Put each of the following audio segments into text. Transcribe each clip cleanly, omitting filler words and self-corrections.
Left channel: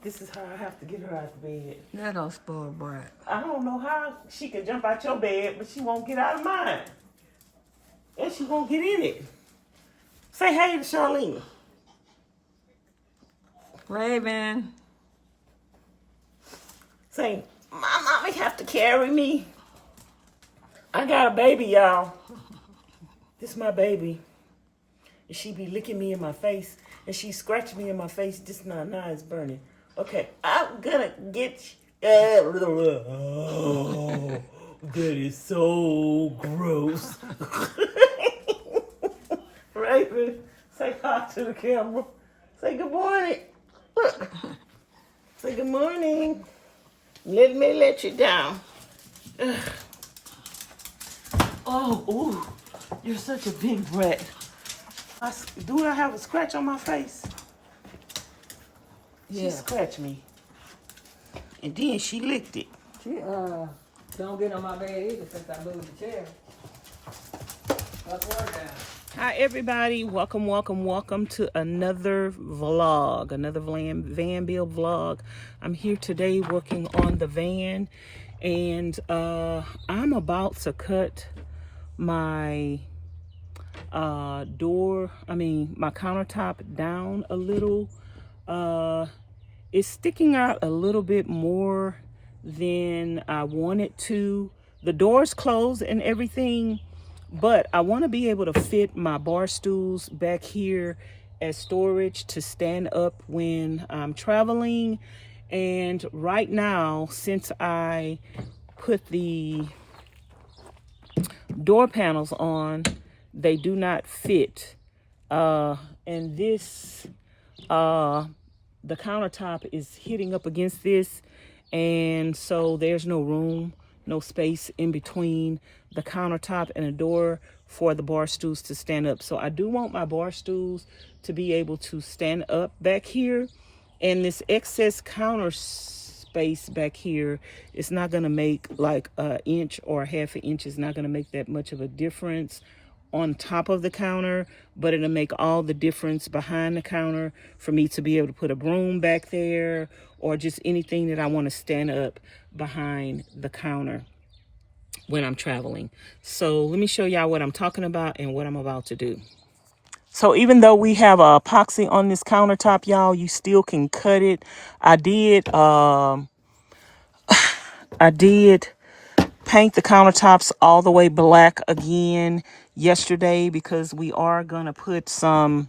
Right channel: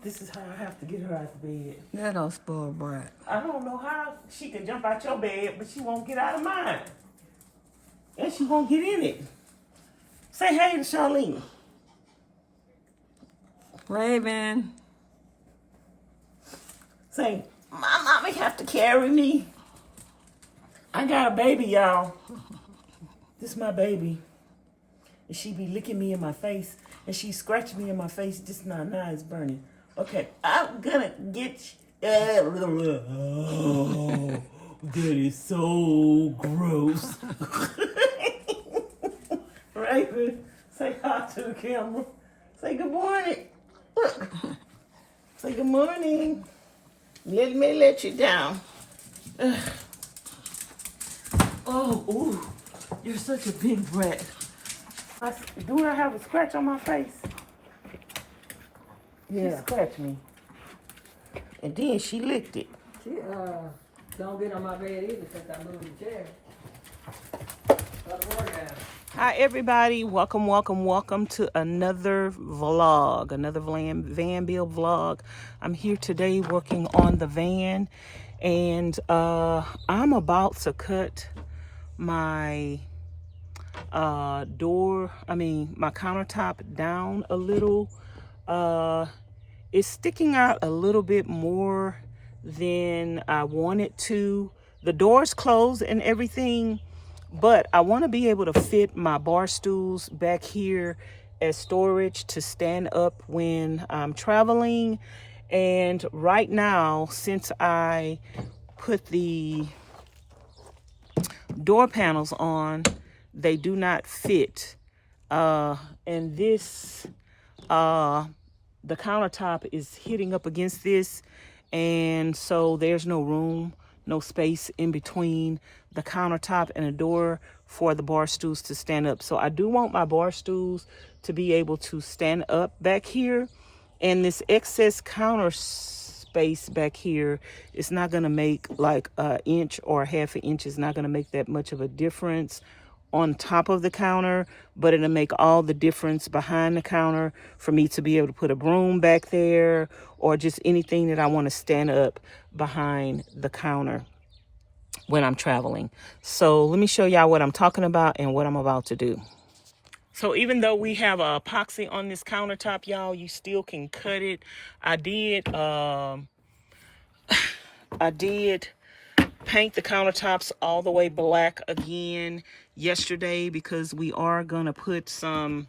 This is how I have to get her out the bed. That old spoiled brat. I don't know how she can jump out your bed, but she won't get out of mine. And she won't get in it. Say hey to Charlene. Raven. Say, my mommy have to carry me. I got a baby, y'all. This is my baby. And she be licking me in my face. And she scratching me in my face. This now it's burning. Okay, I'm gonna get you. Oh, that is so gross. Raven, say hi to the camera. Say good morning. Look. Say good morning. Let me let you down. Oh, ooh, you're such a big brat. Do I have a scratch on my face? Yeah. She scratched me. And then she licked it. She don't get on my bed either since I moved the chair. Hi everybody, welcome to another vlog, another van build vlog. I'm here today working on the van, and I'm about to cut my my countertop down a little. It's sticking out a little bit more than I wanted to. The door's closed and everything, but I want to be able to fit my bar stools back here as storage to stand up when I'm traveling. And right now, since I put the door panels on, they do not fit. And this, the countertop is hitting up against this, and so there's no room, no space in between the countertop and the door for the bar stools to stand up. So I do want my bar stools to be able to stand up back here, and this excess counter space back here is not going to make like an inch or half an inch. It's not going to make that much of a difference on top of the counter, but it'll make all the difference behind the counter for me to be able to put a broom back there or just anything that I want to stand up behind the counter when I'm traveling. So let me show y'all what I'm talking about and what I'm about to do. So even though we have a epoxy on this countertop, y'all, you still can cut it. I did paint the countertops all the way black again yesterday because we are gonna put some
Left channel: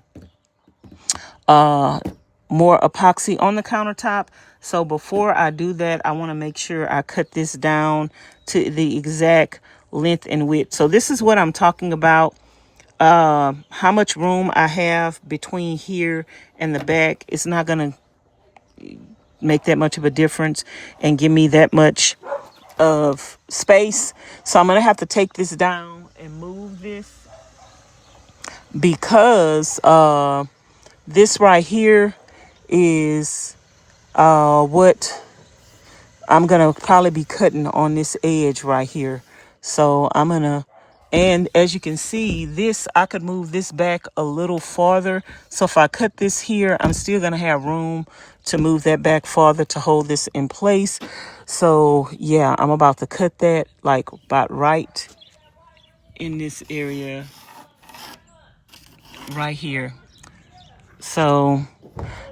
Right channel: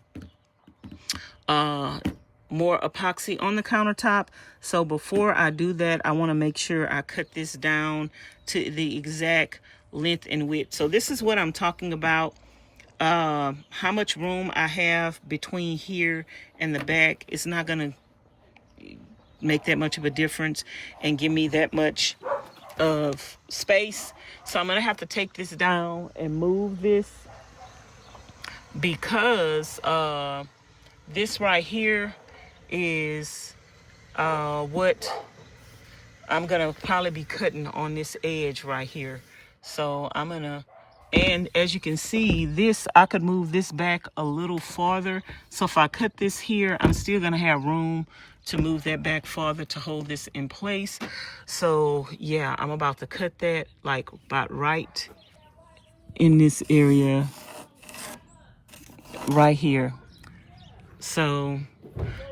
more epoxy on the countertop. So before I do that, I want to make sure I cut this down to the exact length and width. So this is what I'm talking about. How much room I have between here and the back. It's not gonna make that much of a difference and give me that much of space. So I'm gonna have to take this down and move this because this right here is what I'm gonna probably be cutting on this edge right here. So I'm gonna, and as you can see, this, I could move this back a little farther. So if I cut this here, I'm still gonna have room to move that back farther to hold this in place. So yeah, I'm about to cut that like about right in this area right here. So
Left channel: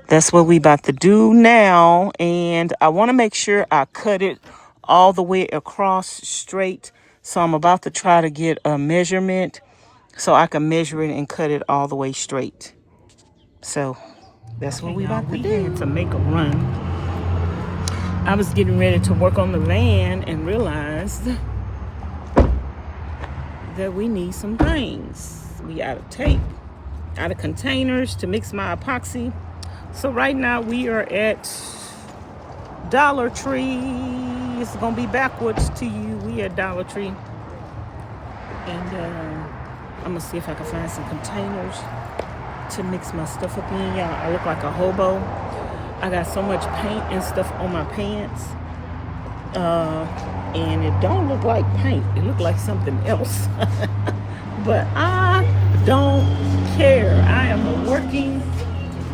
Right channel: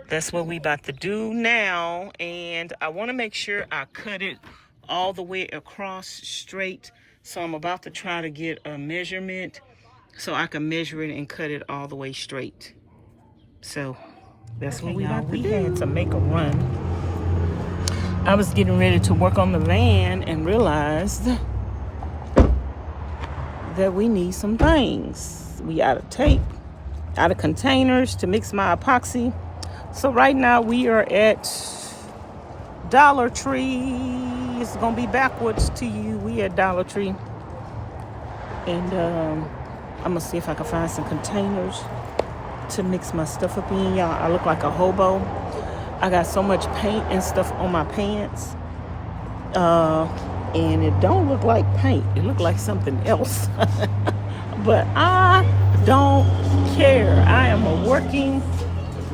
that's what we about to do now. And I want to make sure I cut it all the way across straight. So I'm about to try to get a measurement so I can measure it and cut it all the way straight. So that's what we about to do. We had to make a run. I was getting ready to work on the van and realized that we need some things. We out of tape, out of containers to mix my epoxy. So right now we are at Dollar Tree. It's gonna be backwards to you. We at Dollar Tree. And I'm gonna see if I can find some containers to mix my stuff up in. Y'all, I look like a hobo. I got so much paint and stuff on my pants. And it don't look like paint. It look like something else. But I don't care. I am a working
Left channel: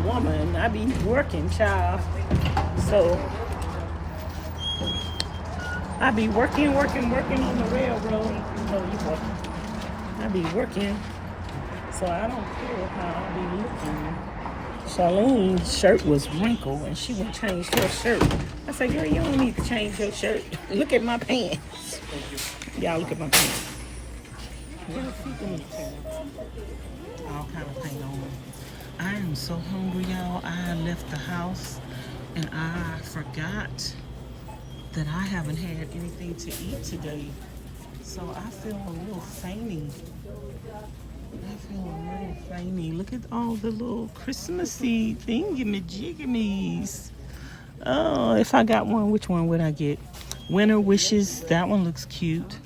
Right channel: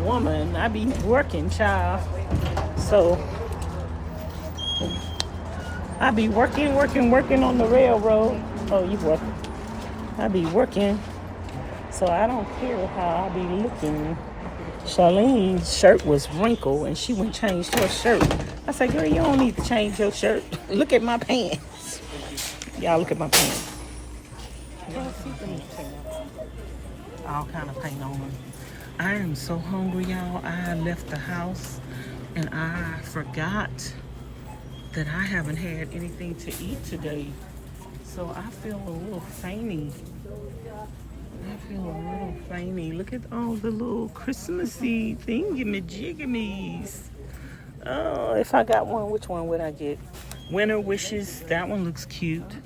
woman. I be working, child. So I be working on the railroad. Oh, you working? I be working, so I don't care how I be looking. Charlene's shirt was wrinkled, and she went changed her shirt. I said, girl, you don't need to change your shirt. Look at my pants. Y'all look at my pants. Y'all see, let me tell y'all. All kind of paint on them. I am so hungry, y'all. I left the house, and I forgot that I haven't had anything to eat today. So I feel a little fainty. Look at all the little Christmassy thingy-majiggamies. Oh, if I got one, which one would I get? Winter Wishes. That one looks cute.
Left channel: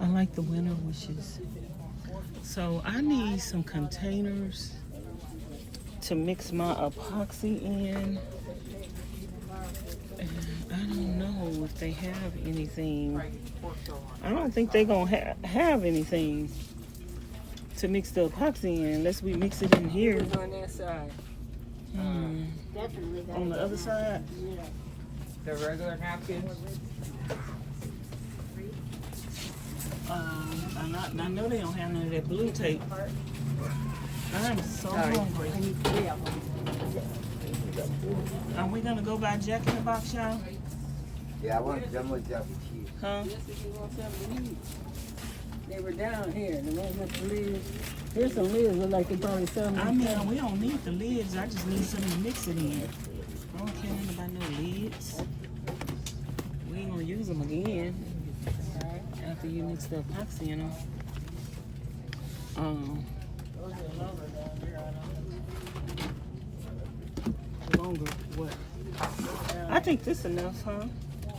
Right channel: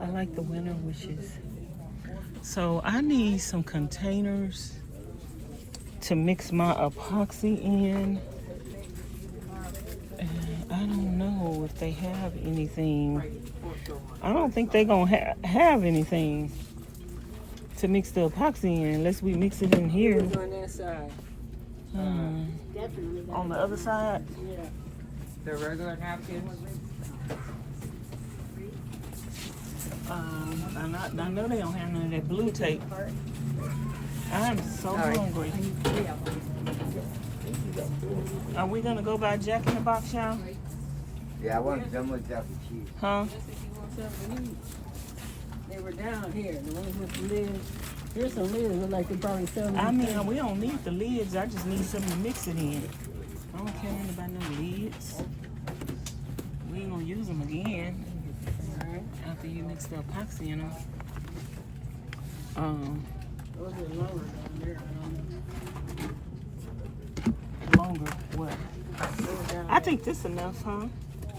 I like the Winter Wishes. So I need some containers to mix my epoxy in. I don't know if they have anything. I don't think they're gonna have anything to mix the epoxy in unless we mix it in here. On that side. On the other side? The regular napkins. I know they don't have none of that blue tape. I'm so hungry. Are we gonna go buy Jack in the Box, y'all? Yeah, I want them with Jack and cheese. Huh? They were down here. The ones with the lids. Here's some lids. Look like they probably sell them. I mean, we don't need the lids. I just need something to mix it in. I don't care nothing about no lids. We ain't gonna use them again. After you mix the epoxy in them. Those are longer down there. Longer, what? I think this enough, huh?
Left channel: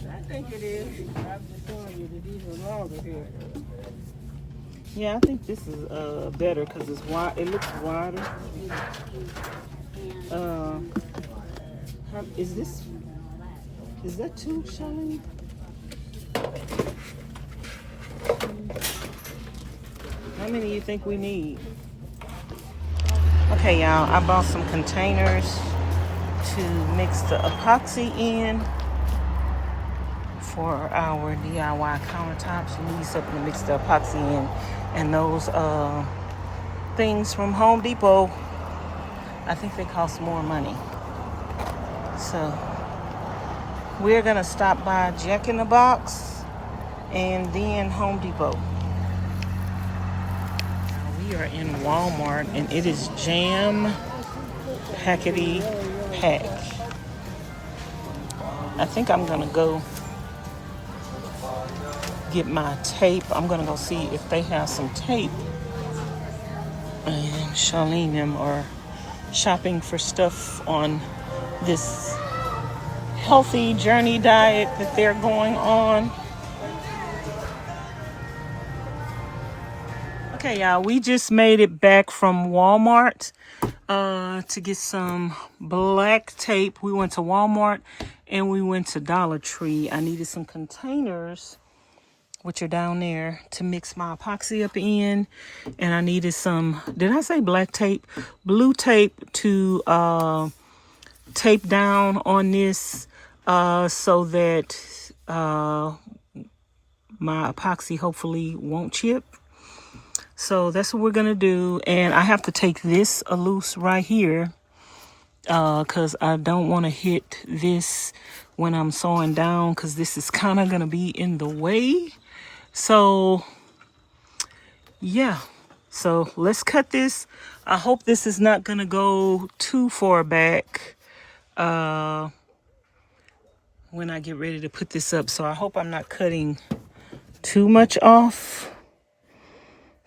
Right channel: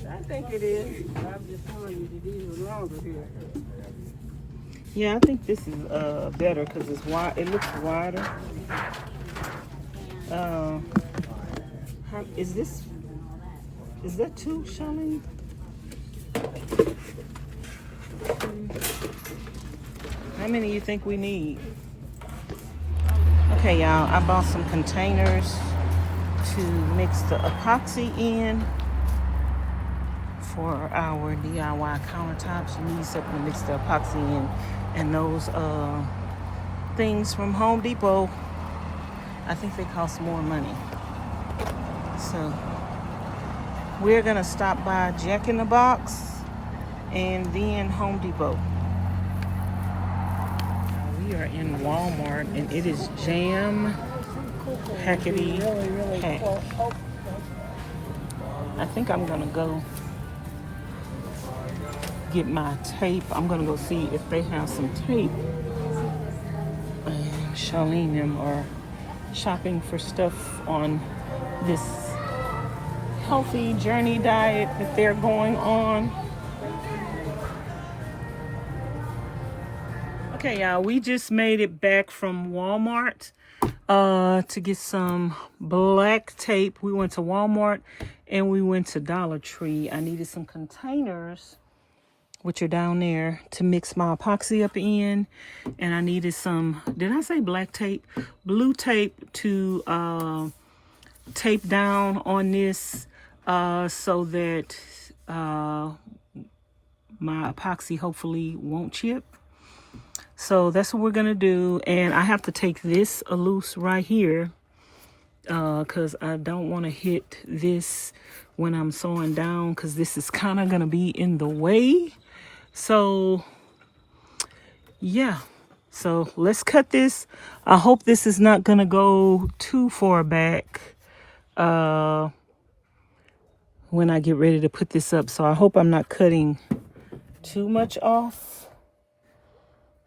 I think it is. I'm just telling you, these are longer here. Yeah, I think this is better because it's wide. It looks wider. Is that two, Charlene? How many do you think we need? Okay, y'all, I bought some containers to mix the epoxy in for our DIY countertops. You need something to mix the epoxy in, and those things from Home Depot, I think they cost more money. So we're gonna stop by Jack in the Box and then Home Depot. Now we are in Walmart, and it is jam packety packed. I think I'm gonna go get my tape. I'm gonna go see if they have some tape. And Charlene and them are shopping for stuff on this healthy journey diet that they're going on. Okay, y'all, we just made it back from Walmart to get some black tape. We went to Walmart and we went to Dollar Tree. I needed some containers, which are down there, to mix my epoxy up in. And I needed some, did I say black tape? Blue tape to tape down on this so that my epoxy hopefully won't chip. So that's what we're gonna do. And I have to take this loose right here because I don't want to hit this when I'm sewing down, because this is kind of gonna be in the way. So yeah, so let's cut this. I hope this is not gonna go too far back when I get ready to put this up. So I hope I'm not cutting too much off.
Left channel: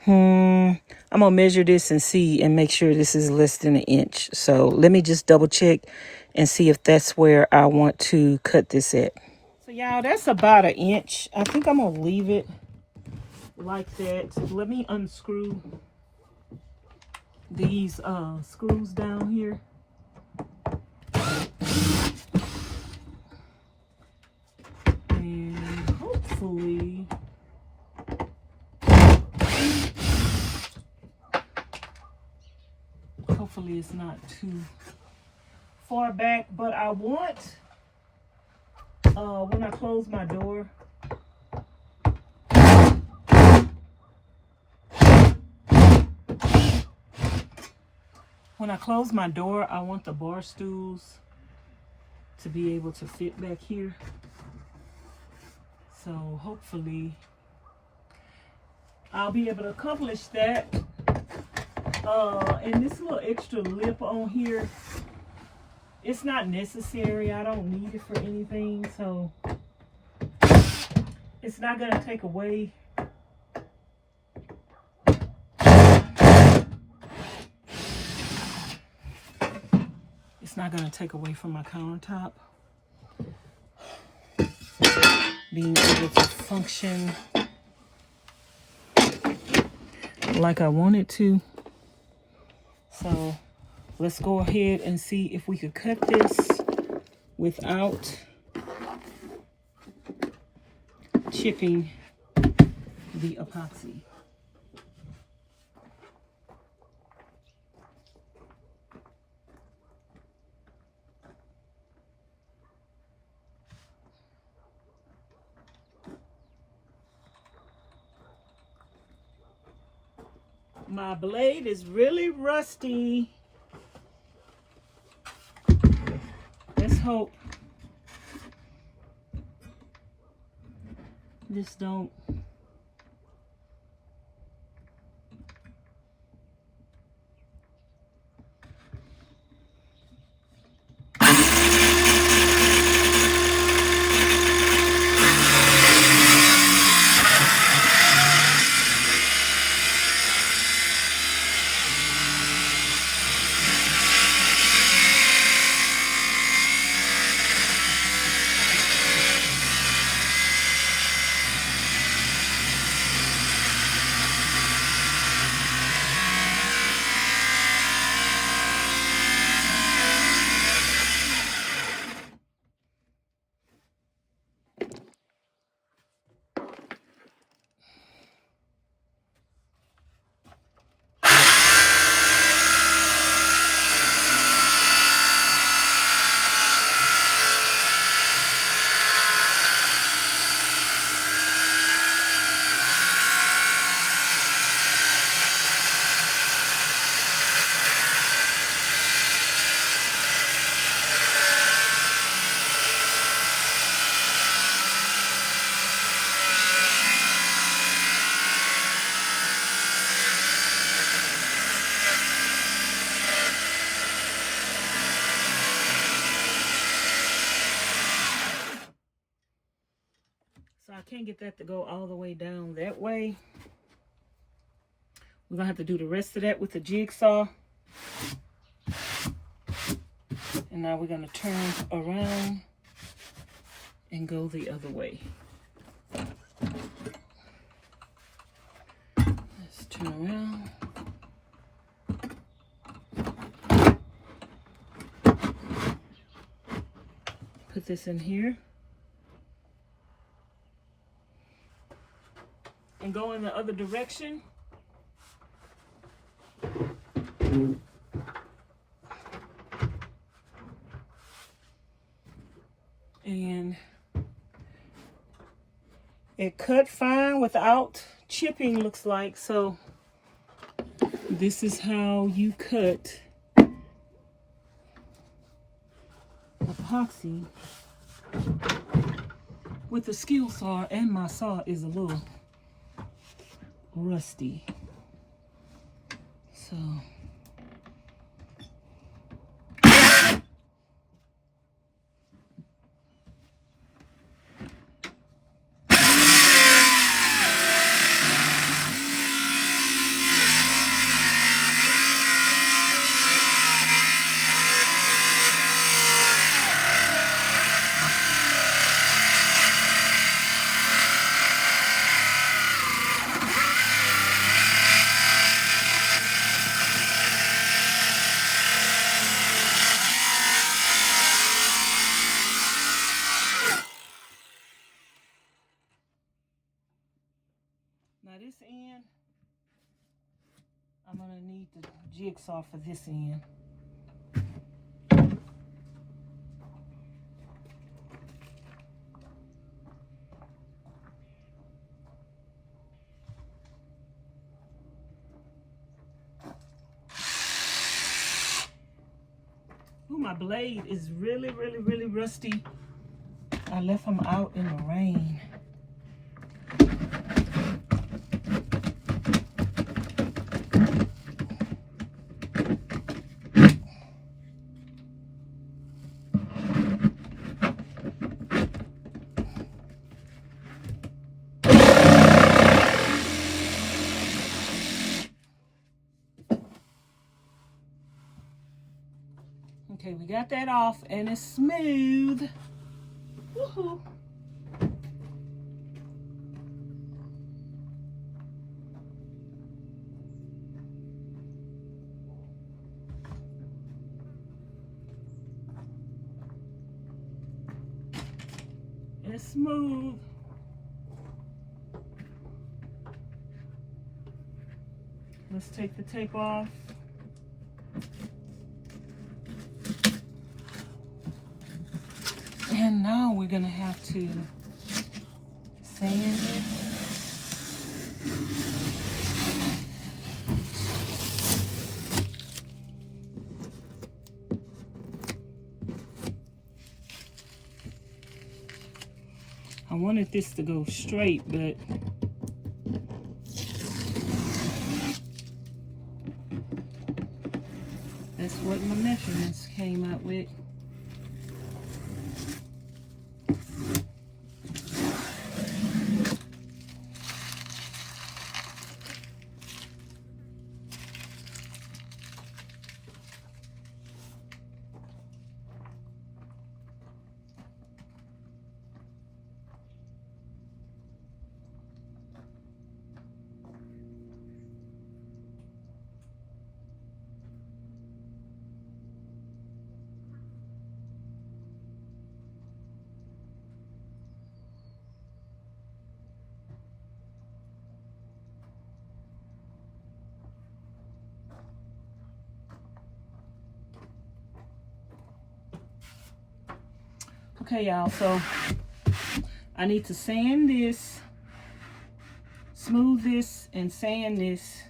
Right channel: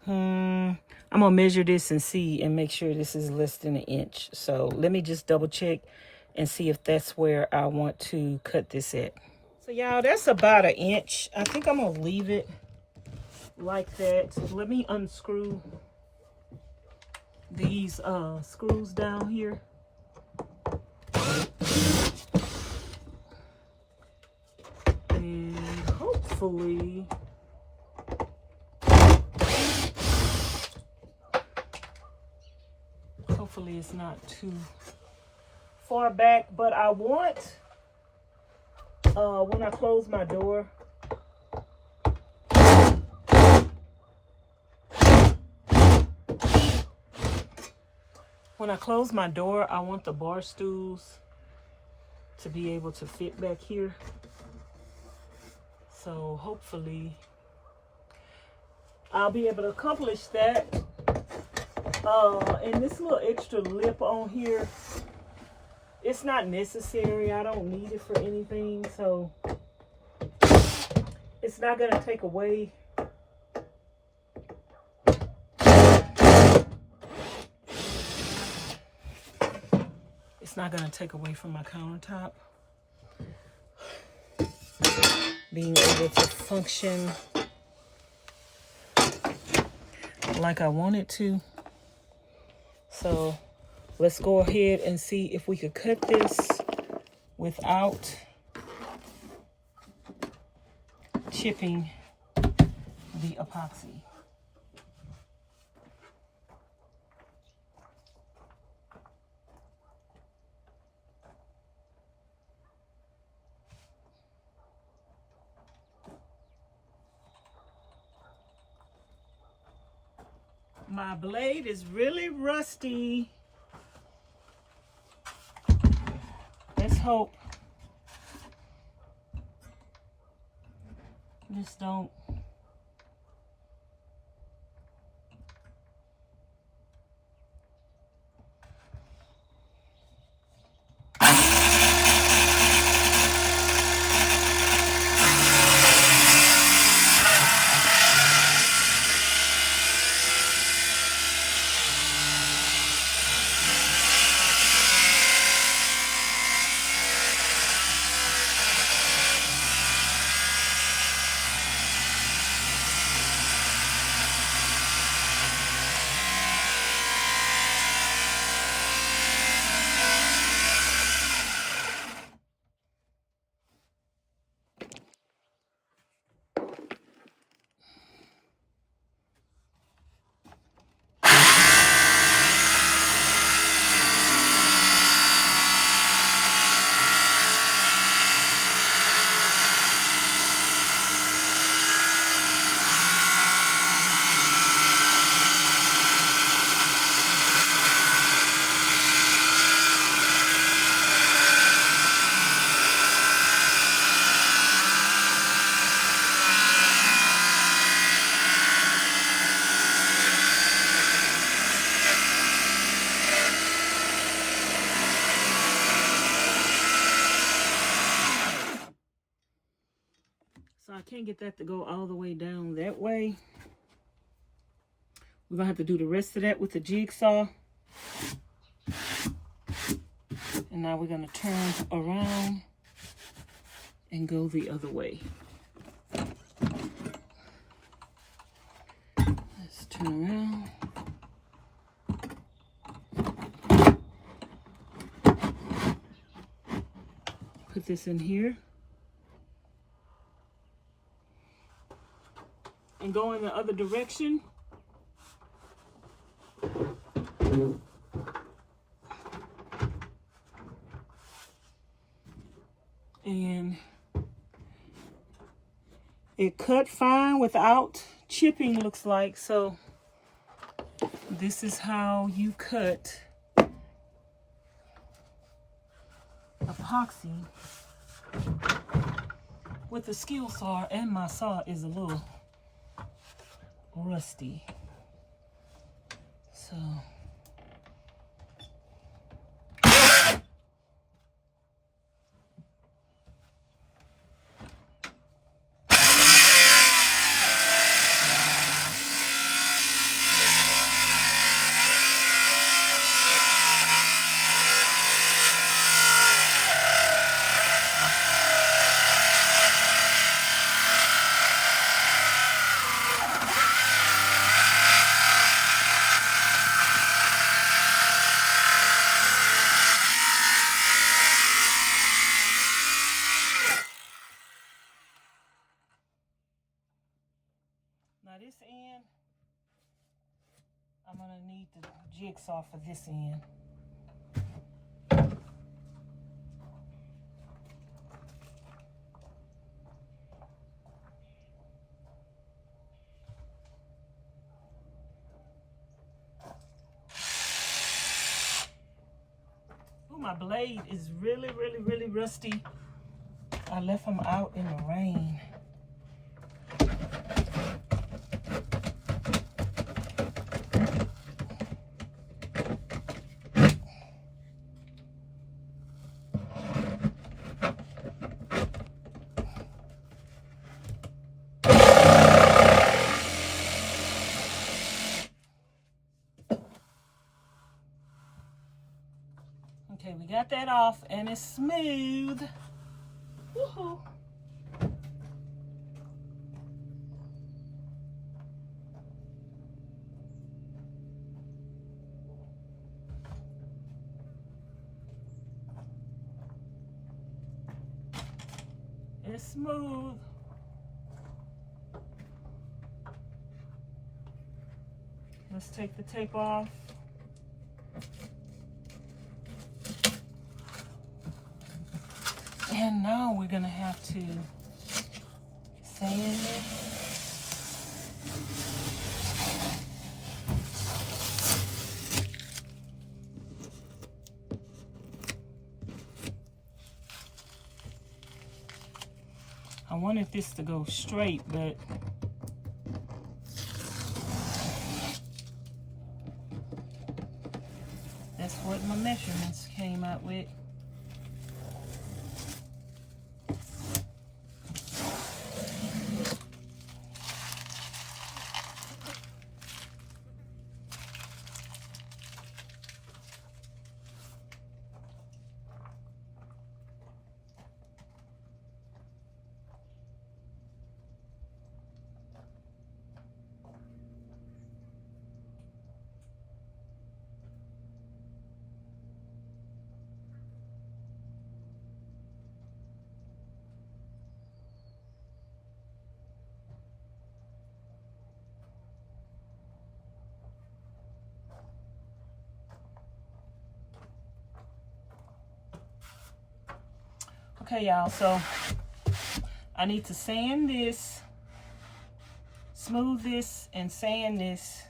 I'm gonna measure this and see and make sure this is less than 1 inch. So let me just double check and see if that's where I want to cut this at. So y'all, that's about 1 inch. I think I'm gonna leave it like that. Let me unscrew these screws down here. And hopefully it's not too far back, but I want, when I close my door, I want the bar stools to be able to fit back here. So hopefully I'll be able to accomplish that. And this little extra lip on here, it's not necessary. I don't need it for anything, so it's not gonna take away. It's not gonna take away from my countertop being able to function like I want it to. So let's go ahead and see if we could cut this without chipping the epoxy. My blade is really rusty. Let's hope this don't. So I can't get that to go all the way down that way. We're gonna have to do the rest of that with the jigsaw. And now we're gonna turn around and go the other way. Let's turn around. Put this in here. And go in the other direction. And it cut fine without chipping, looks like. So this is how you cut epoxy with a skill saw, and my saw is a little rusty. So now this end, I'm gonna need the jigsaw for this end. my blade is really, really, really rusty. I left them out in the rain. Okay, we got that off and it's smooth. Woohoo. It's smooth. Let's take the tape off. And now we're gonna have to sand it. I wanted this to go straight, but that's what my measurements came out with. Okay, y'all, so I need to sand this, smooth this, and sand this.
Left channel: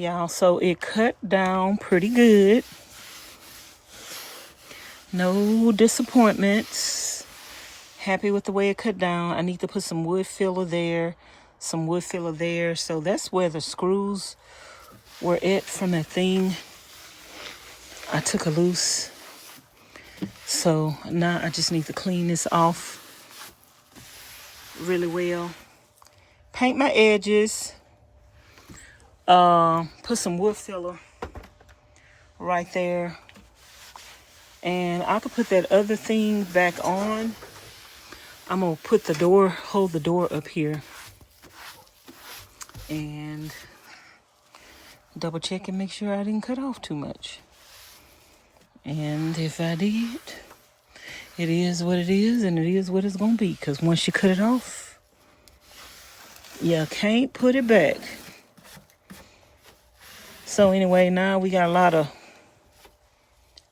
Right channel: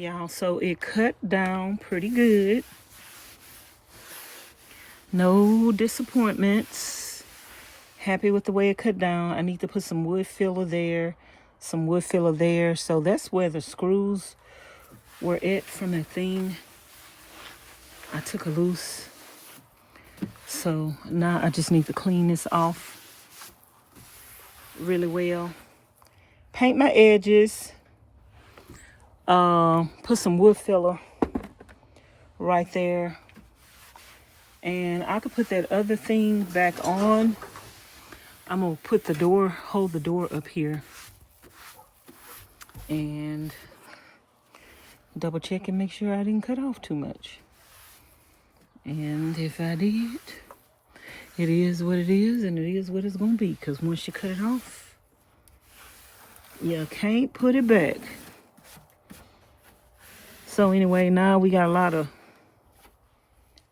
y'all, so it cut down pretty good. No disappointments. Happy with the way it cut down. I need to put some wood filler there, some wood filler there. So that's where the screws were at from that thing I took a loose. So now I just need to clean this off really well. Paint my edges. Put some wood filler right there. And I could put that other thing back on. I'm gonna put the door, hold the door up here. And double check and make sure I didn't cut off too much. And if I did, it is what it is, and it is what it's gonna be. Because once you cut it off, you can't put it back. So anyway, now we got a lot of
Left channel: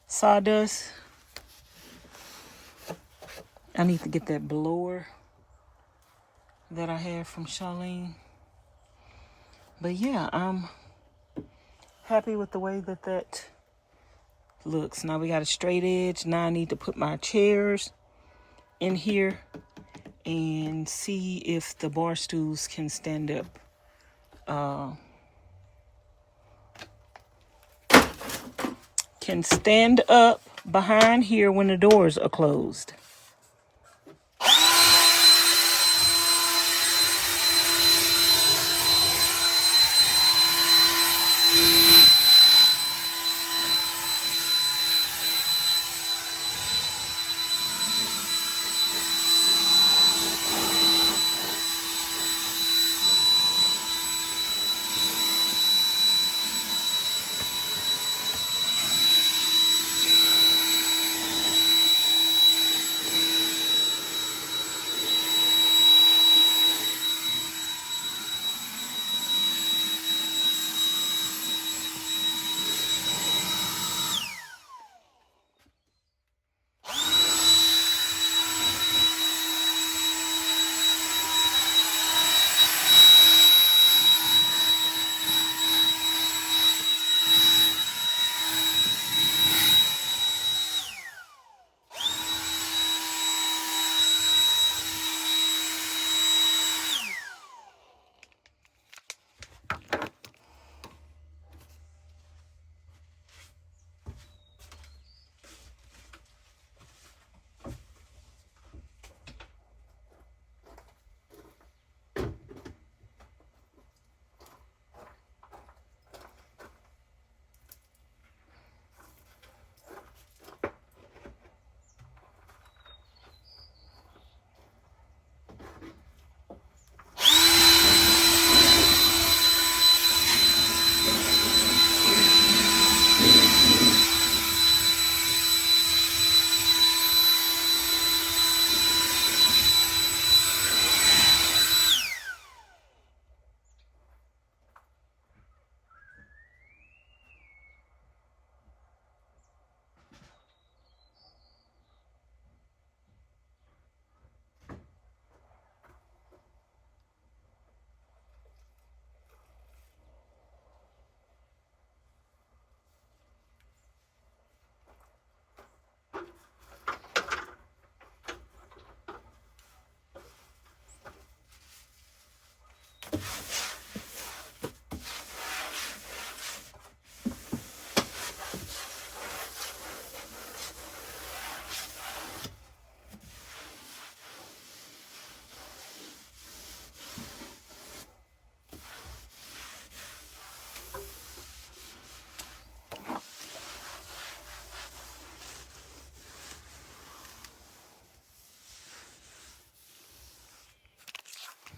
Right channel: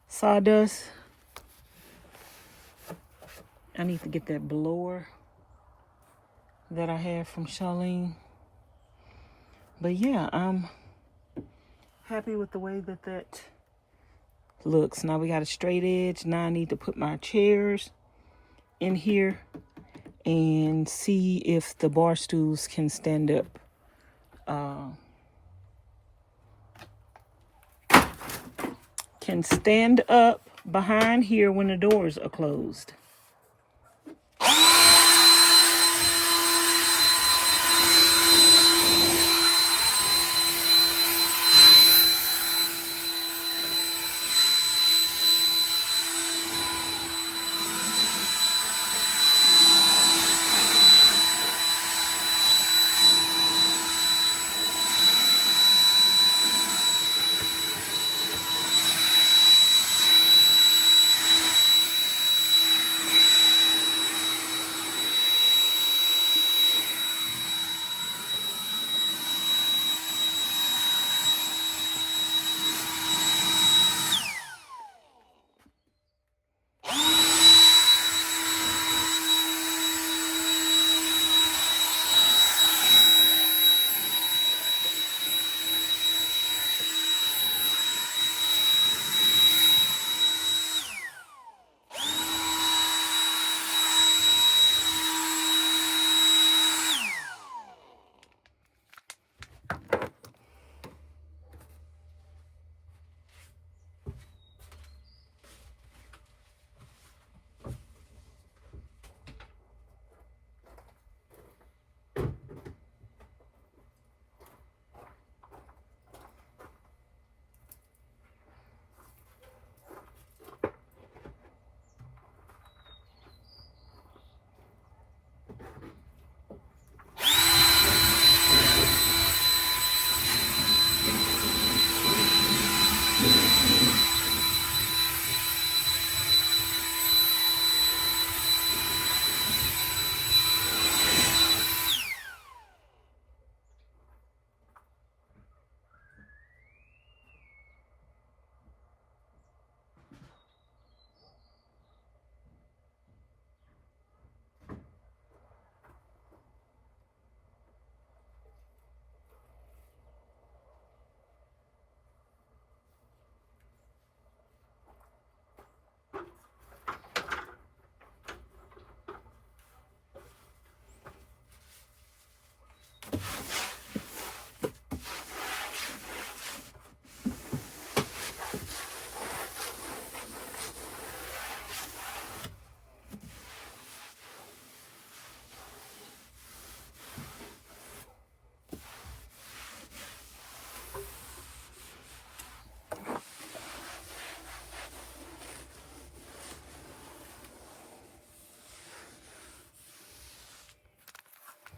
sawdust. I need to get that blower that I had from Charlene. But yeah, I'm happy with the way that looks. Now we got a straight edge. Now I need to put my chairs in here and see if the bar stools can stand up. Can stand up behind here when the doors are closed.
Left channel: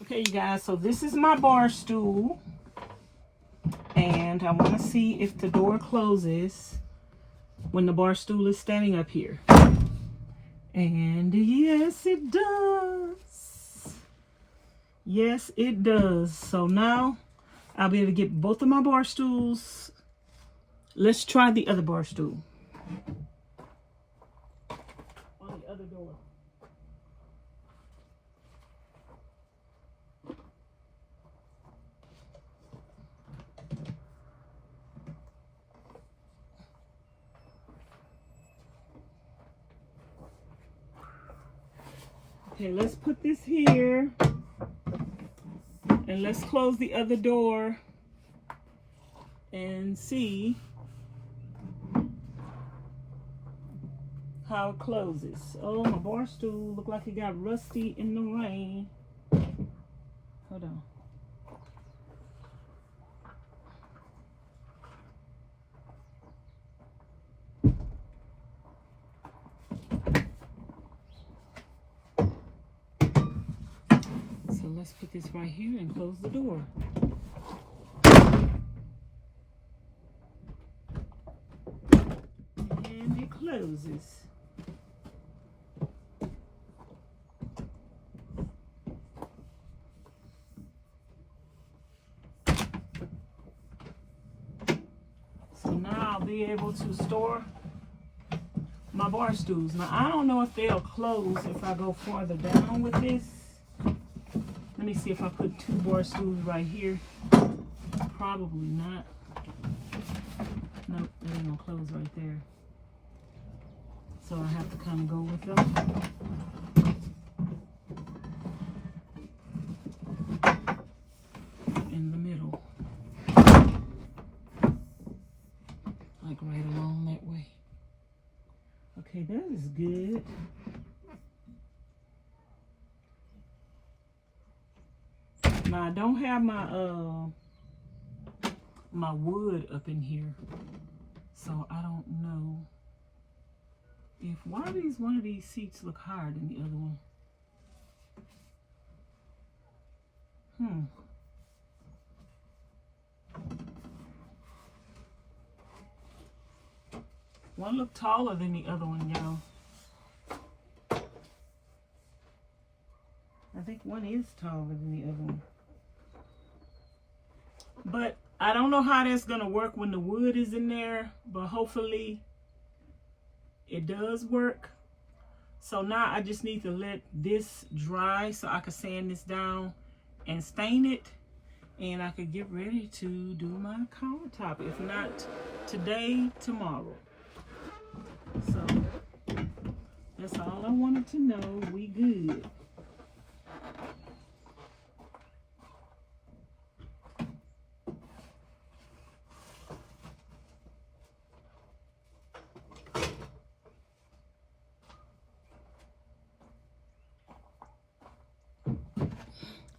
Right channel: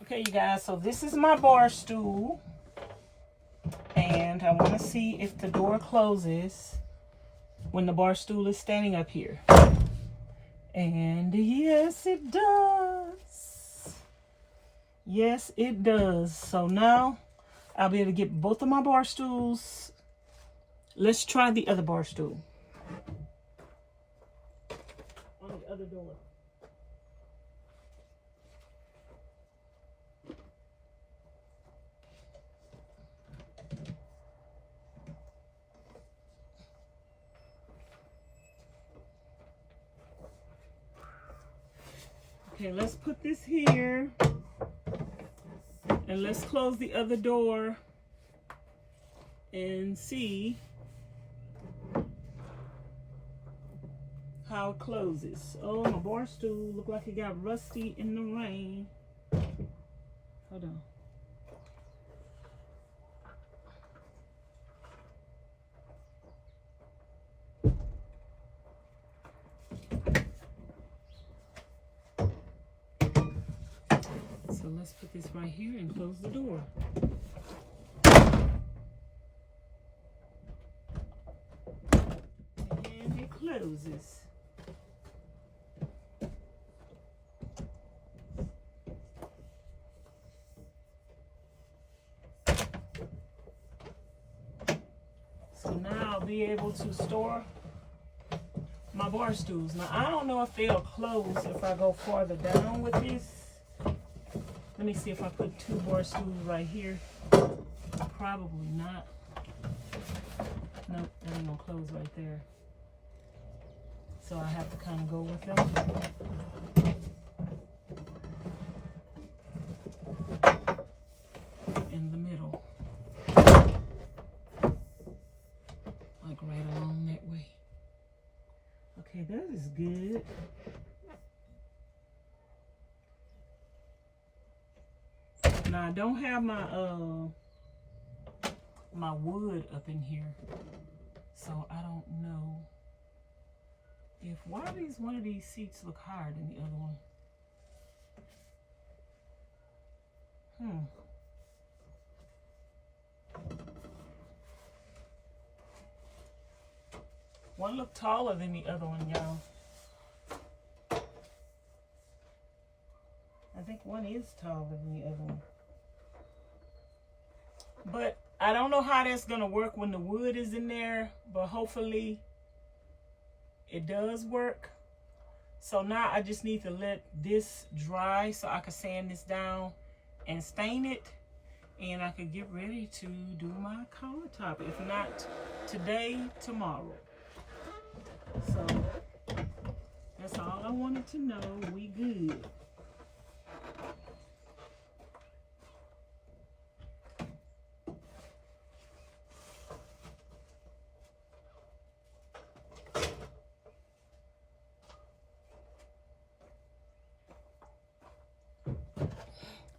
Okay, you guys, so this is my bar stool. And I want to see if the door closes when the bar stool is standing up here. And yes, it does. Yes, it does. So now I'll be able to get both of my bar stools. Let's try the other bar stool. On the other door. Okay, let's put this here. And let's close the other door and see how it closes. Oh, my bar stool look like it got rusty in the rain. Hold on. So let's put this right here and close the door. And it closes. So now I'll be able to store my bar stools. Now I don't know if they'll close if I go farther down with this. Let me see if I put 2 bar stools right here. Probably not. Nope, that ain't gonna close right there. So I have to kind of go with them. In the middle. Like right along that way. Okay, that is good. Now I don't have my my wood up in here, so I don't know if one of these seats look higher than the other one. One look taller than the other one, y'all. I think one is taller than the other one. But I don't know how that's gonna work when the wood is in there, but hopefully it does work. So now I just need to let this dry so I can sand this down and stain it, and I could get ready to do my countertop. If not today, tomorrow. So that's all I wanted to know. We good.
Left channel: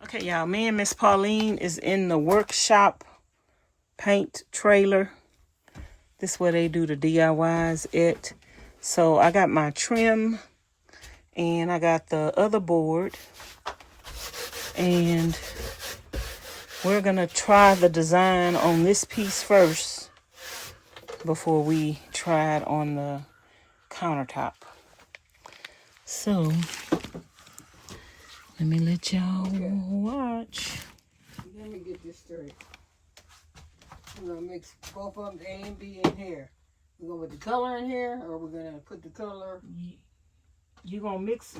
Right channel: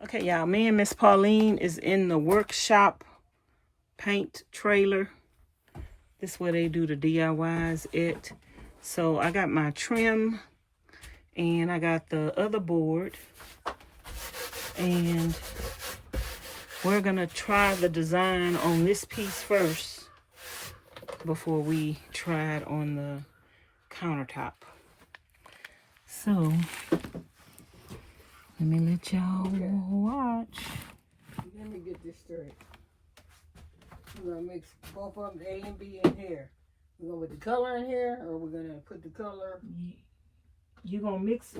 Okay, y'all, me and Miss Pauline is in the workshop paint trailer. This is where they do the DIYs at. So I got my trim and I got the other board. And we're gonna try the design on this piece first before we try it on the countertop. So let me let y'all watch. Let me get this straight. We're gonna mix both of them, the A and B, in here. We're gonna put the color in here, or we're gonna put the color. You're gonna mix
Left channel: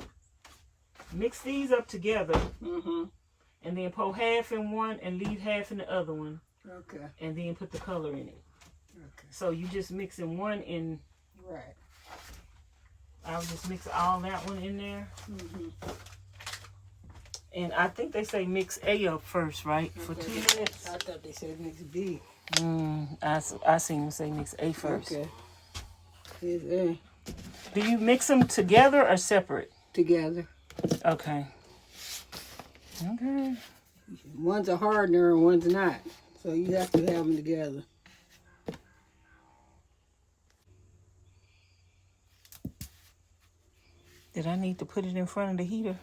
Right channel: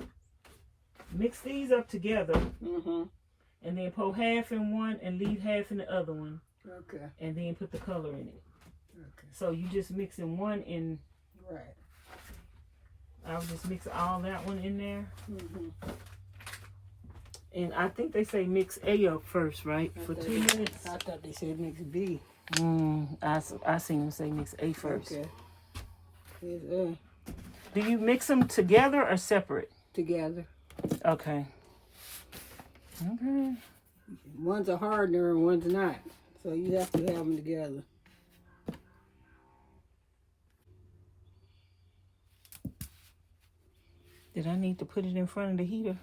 these up together, and then pour half in one and leave half in the other one. Okay. And then put the color in it. Okay. So you just mixing one in. Right. I'll just mix all that one in there. And I think they say mix A up first, right? For 2 minutes. I thought they said mix B. I seen them say mix A first. Okay. Here's A. Do you mix them together or separate? Together. Okay. Okay. One's a hardener and one's not. So you have to have them together. Did I need to put it in front of the heater?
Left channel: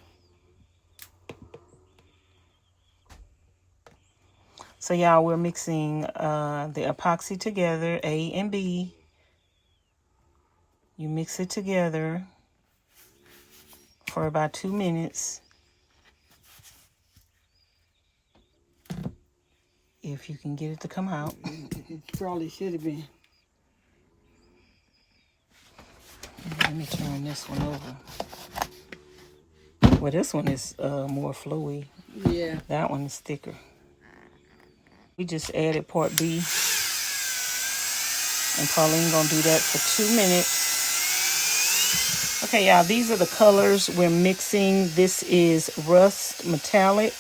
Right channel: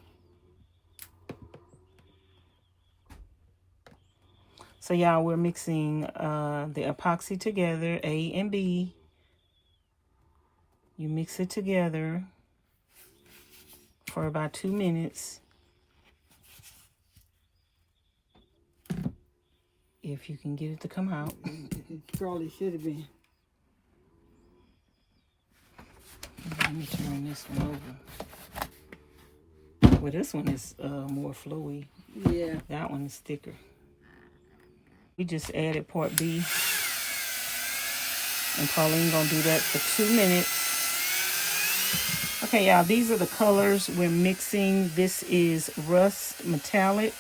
So y'all, we're mixing the epoxy together, A and B. You mix it together for about 2 minutes. If you can get it to come out. It probably should have been. Let me turn this one over. Well, this one is more flowy. Yeah. That one is thicker. We just added part B. And Pauline gonna do that for 2 minutes. Okay, y'all, these are the colors we're mixing. This is rust metallic,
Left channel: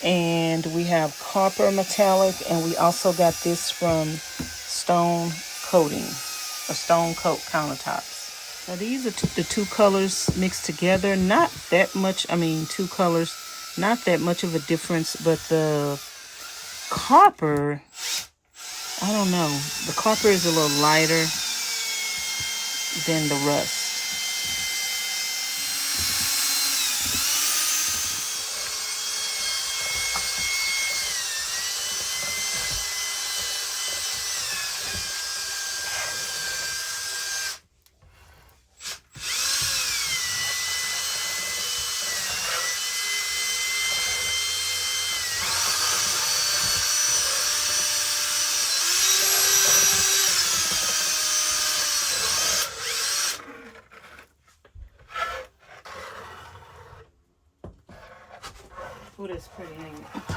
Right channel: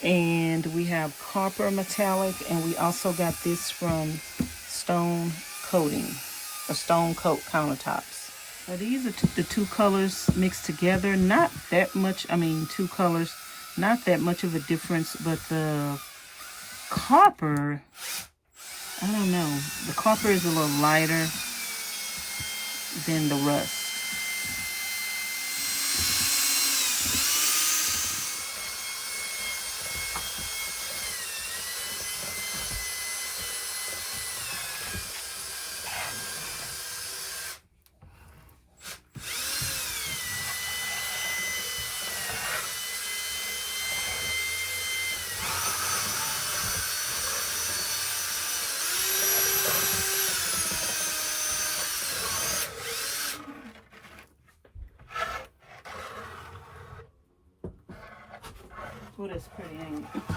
and we have copper metallic, and we also got this from stone coating, or stone coat countertops. Now these are the two colors mixed together. Not that much, I mean, two colors, not that much of a difference, but the copper, I don't know. The copper is a little lighter than the rust. Oh, that's pretty, ain't it?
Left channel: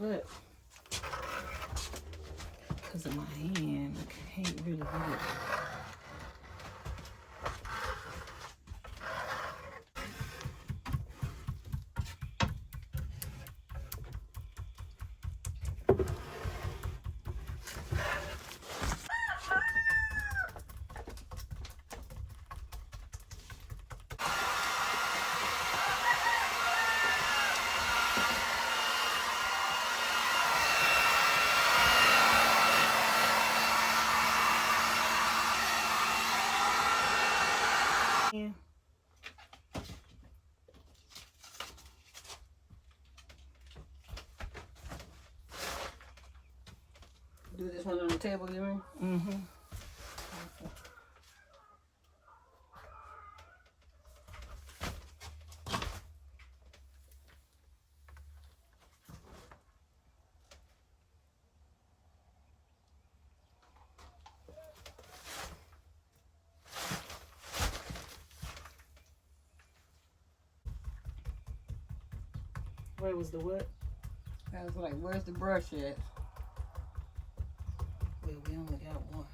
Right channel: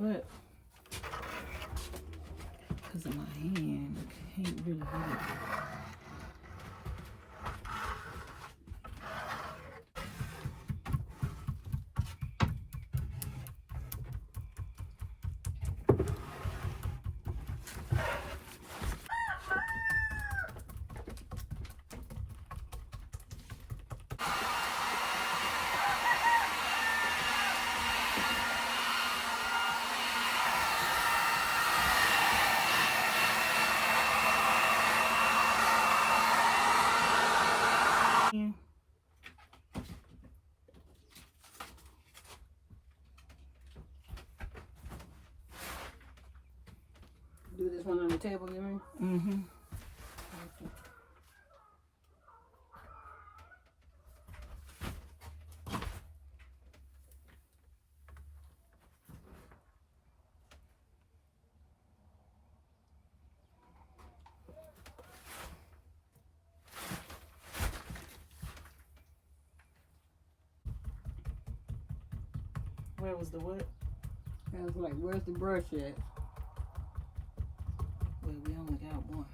But because of my hand, I can't really get it. Yeah. Do this one on the table, you mean? Mm-hmm. Where was the what? I was like, where's the brush at? Well, we only got one.